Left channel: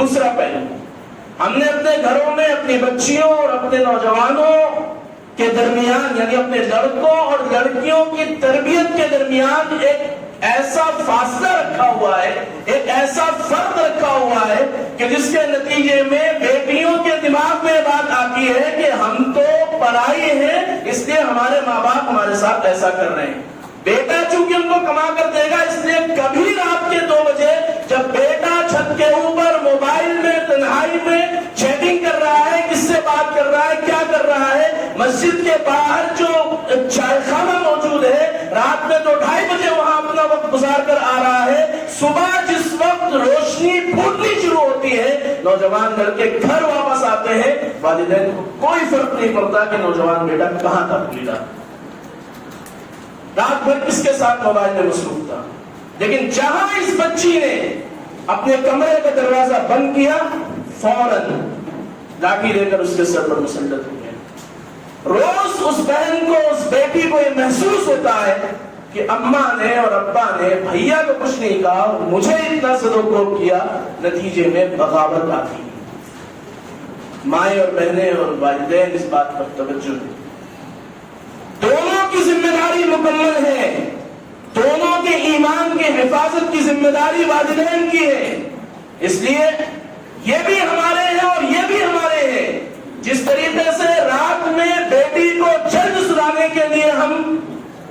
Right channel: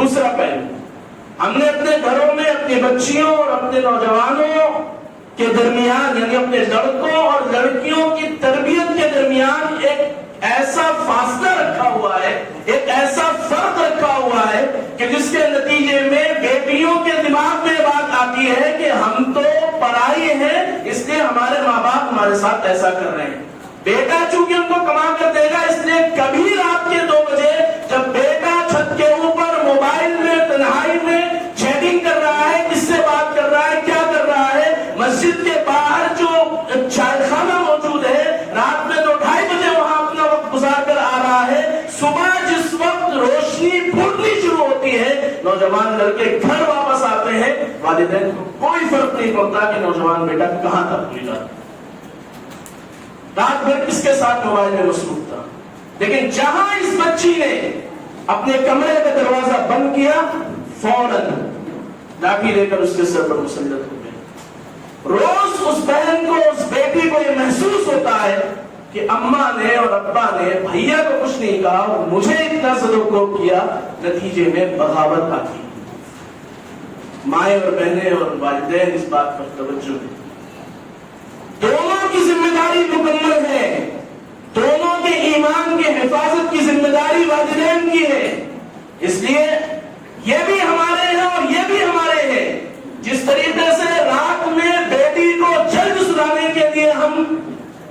دوسرا پہلو، ہم نے اپنے گھروں میں اپنی بچیوں اور اپنے نوجوانوں کے درمیان، یعنی اپنے لڑکوں اور لڑکیوں کی تربیت کے درمیان ایک ایسا فاصلہ رکھا ہوا ہے، ایک ایسا فرق رکھا ہوا ہے کہ جس کے نتیجے میں بیٹیوں کے دماغ میں بات آتی ہے کہ ہم تو پڑھائی ہیں، اس لیے ہمارے ماں باپ ہمارے ساتھ ایسا کر رہے ہیں۔ بیٹا چونکہ ان کو کما کر دے گا، اس لیے کبھی رات کے 2 بجے جب بیٹا چھت کے اوپر موبائل میں تنہائی میں چیٹنگ کر رہا ہے، کس سے بات کر رہا ہے، کیا کر رہا ہے، مسجد کے باہر جو چائے خانہ موجود ہے، رات میں تو 2:30 بجے وہاں اپنا وقت گزار کر آ رہا ہے، صبح جس وقت روشنی پھوٹنی شروع ہوتی ہے، نوجوان لڑکے گھر واپس آتے ہیں، والدین کو کوئی فرق نہیں پڑتا کہ نوجوان بیٹا کہاں تھا پوری رات بھر کس کے ساتھ موبائل میں مصروف تھا۔ لیکن جہاں اس بچی نے اپنے کمرے کا دروازہ بند کیا، فوراً لاٹھی لے کر اس کے سر پر مسلط ہو گئے۔ روز اس بہن کو، اس بیٹی کو یہ محسوس ہوتا ہے کہ اماں نے اور ابا نے بھیا کو کچھ نہیں کہا، مجھے اتنا زدوکوب کیا، نتیجے میں بغاوت آتی۔ مائیں اور بہنیں اور والدین اس بات پر توجہ دیں، دونوں کی ذمہ داری مکمل ہے، دونوں کے ایمان کے حفاظت کی ذمہ داری والدین کی ہے۔ اس لیے یہ بھی ہمارے ہیں اور یہ بھی ہمارے ہیں۔ جس طریقے سے رات میں بیٹی کو جلد سلانے کے لیے ہم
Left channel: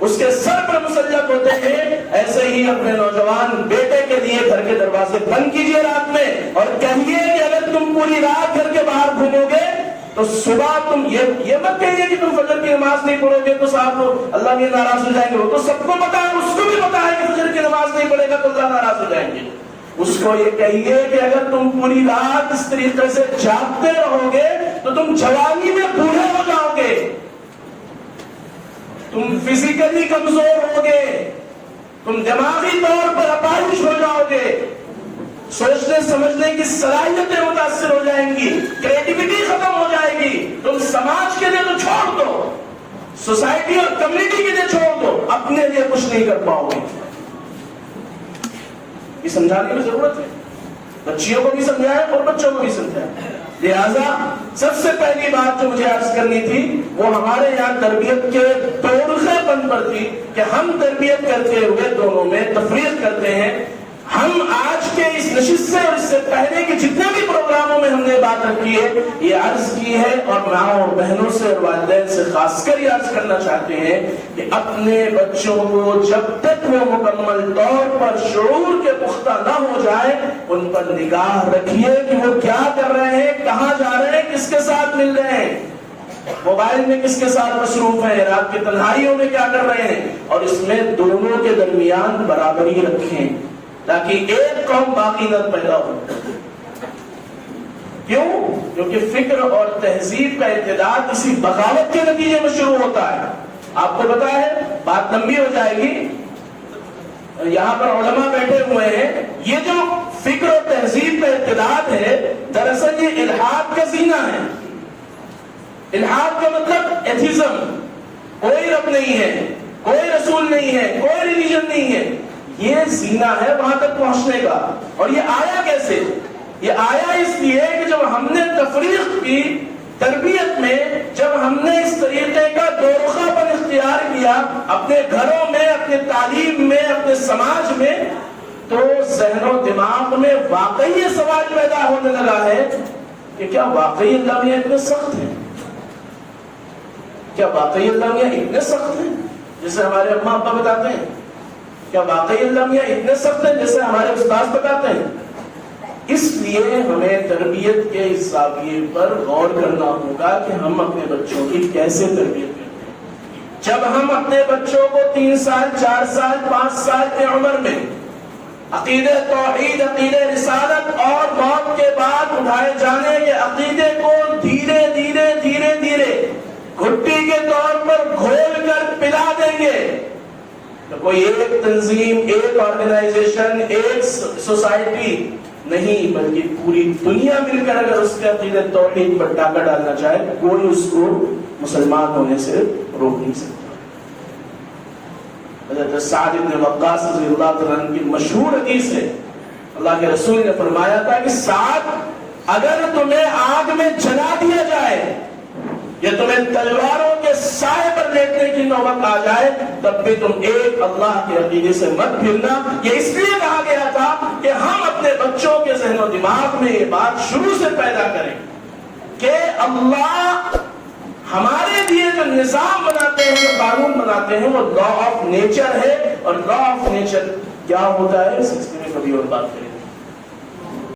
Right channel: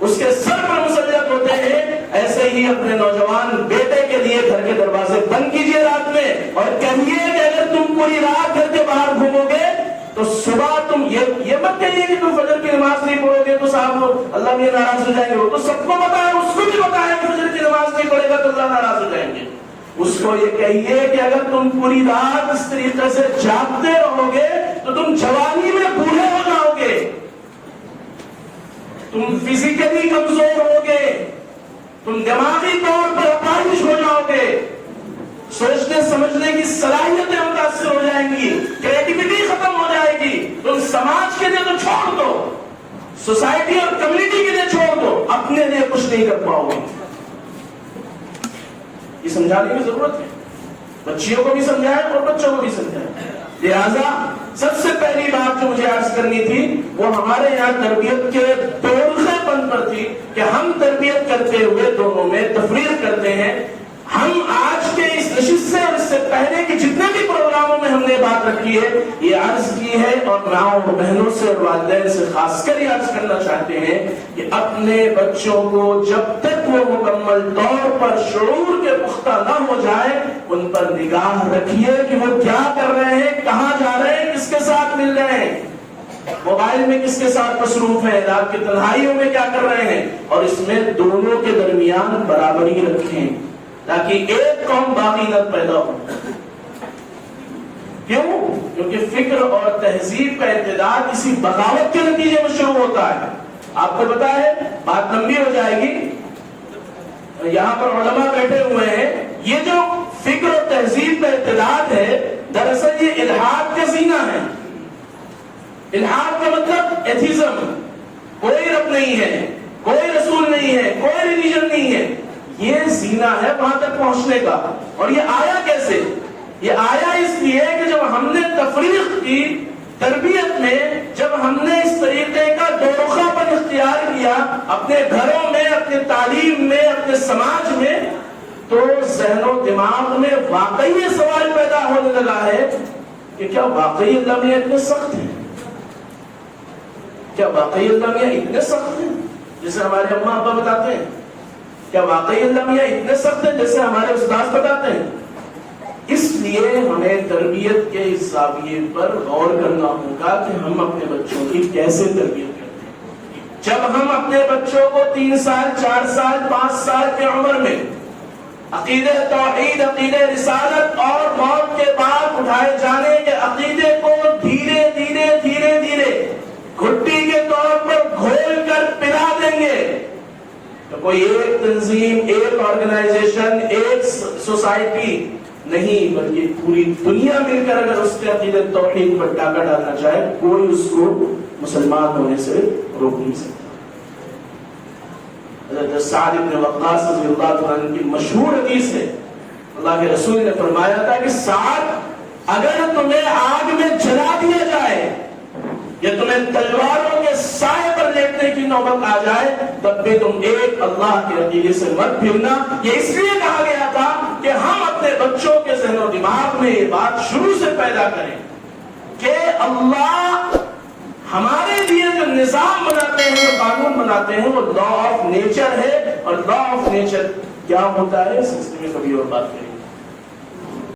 اس کے سر پر مسلط ہوتے ہیں، ایسے ہی اپنے نوجوان بیٹے کے لیے گھر کے دروازے بند کیجیے رات میں، اور کہیے کہ اگر تم پوری رات گھر کے باہر گھومو گے تو صبح تم یہ مت کہیے کہ تم فجر کی نماز نہیں پڑھو گے تو صاحب اللہ بھی ناراض ہو جائیں گے۔ وہ تو سب کو پتا ہے، اس کو بھی پتا ہے کہ فجر کی نماز نہیں پڑھے گا تو اللہ ناراض ہو جائیں گے۔ اس کو یہ کہیے کہ اگر تم پوری رات اس طریقے سے جاگتے رہو گے تو تم جوانی میں بوڑھے ہو جاؤ گے، تم فزیکلی کمزور ہو گے، تم دماغی طور پر اپاہج ہو جاؤ گے، سوچنے سمجھنے کی صلاحیتیں متاثر ہو جائیں گی، کریٹیوٹی ختم ہو جائے گی۔ تم سماج کے لیے تو چھوڑ دو، سوسائٹی اور کمیونٹی کے لیے چھوڑ دو، اپنے لیے کچھ نہیں کر پاؤ گے۔ یہ سمجھانے کی ضرورت ہے، بچیوں کو بھی سمجھائیں اور بچوں کو بھی سمجھائیں۔ لہذا سب سے پہلی بات جو مجھے عرض کرنی تھی وہ ہمارے یہاں تربیت کے طریقے پن پر تھی کہ ہم تربیت کرتے ہوئے دونوں میں تفریق کرتے ہیں۔ ہم آج کے اس نشست سے اور اس سے پہلے کے جتنے بھی پروگراموں میں ہم نے بات رکھی ہے، یہ عرض کی ہے اور ماؤں اور بہنوں سے اور والدین سے خاص کر یہ عرض کرنا چاہتے ہیں کہ اپنے بچوں کو جب تک وہ مکمل طور پر شعور کے پختہ نہ ہو جائے، ان پر نگاہ رکھیے کہ وہ کیا کر رہے ہیں، کہاں جا رہے ہیں، کس کے ساتھ مل رہے ہیں، موبائل میں کس کے ساتھ مصروف ہیں، رات کی تنہائیوں میں کیا کر رہے ہیں، اور اس میں دونوں کے درمیان برابری رکھیں تاکہ ایک قوم باقی نہ پیدا ہو۔ کیوں؟ کیونکہ فکر اور تہذیب کا ابتداء کسی بغاوت کے نتیجے میں شروع ہوتا ہے۔ آپ کو پتا ہے، بات لمبی ہو جائے گی، یہاں پر علماء بیٹھے ہوئے ہیں، یہ جو فکر اور تہذیب کا ابتداء ہے، دراصل یہ الحاد کا زینہ ہے۔ الحاد کا مطلب ایتھیزم، کوئی رب نہیں ہے، کوئی رسول نہیں ہے، کوئی ریلیجن نہیں ہے، یہ زینہ ہے وہاں تک پہنچنے کا۔ اور یہ آیا کیسے؟ یہ آیا اس لیے کہ جب ہم نے تفریق کی تربیت میں، جب ہم نے اس طریقے کا دورخہ پر اختیار کیا اپنے گھروں میں، اپنے تعلیم میں، اپنے سماج میں، تو ذہن و دماغ میں واقعی یہ سوال پیدا ہونے لگا ہے کہ کیا واقعی اللہ میاں اتنے سخت ہیں؟ کیا واقعی اللہ میاں اتنے سخت ہیں جیسے ہمارے اماں ابا بتاتے ہیں؟ کیا واقعی اللہ میاں اتنے سخت ہیں جیسے ہمارے استاد بتاتے ہیں؟ اس لیے ہمیں تربیت کے اس زاویے پر غور کرنا ہوگا کہ ہم اپنے بچوں کی کیسے تربیت کرتے ہیں۔ جب ہم اپنے بچوں کو 3 سال 4 سال 5 سال کی عمر میں عقیدہ توحید، عقیدہ رسالت اور موت کے بعد اٹھائے جانے کے عقیدے کو دھیرے دھیرے دھیرے دھیرے گھٹی کے طور پر گھول کر پلا دیں گے تو کوئی ایک تنظیم، ایک آرگنائزیشن، ایک سوسائٹی نہیں بلکہ پوری دنیا مل کر اگر اس کے عقیدہ توحید پر ڈاکہ ڈالنا چاہے، کوئی اس کو مسلمان ہونے سے روک نہیں سکتا۔ حضرت سعد بن وقاص رضی اللہ عنہ کی مشہور حدیث ہے، اللہ کے رسول نے فرمایا تھا کہ سعد اگر تمہیں آگ میں جلا دیا جائے یا تمہیں تلواروں کے سائے پر لیٹنے کی نوبت آ جائے تب بھی تم ایک اللہ کے عقیدے سے مت پھرنا. یہ اس لیے کہا گیا تھا کہ ہم اپنے بچوں کے ذہن و دماغ میں یہ بات شروع سے پیدا کریں کہ اللہ ہمارے لیے جو نظام بناتے ہیں، جو قانون بناتے ہیں، وہ لا آف نیچر ہے. اور لا آف نیچر کیا ہوتا ہے اس سلسلے میں کبھی اور بات کریں.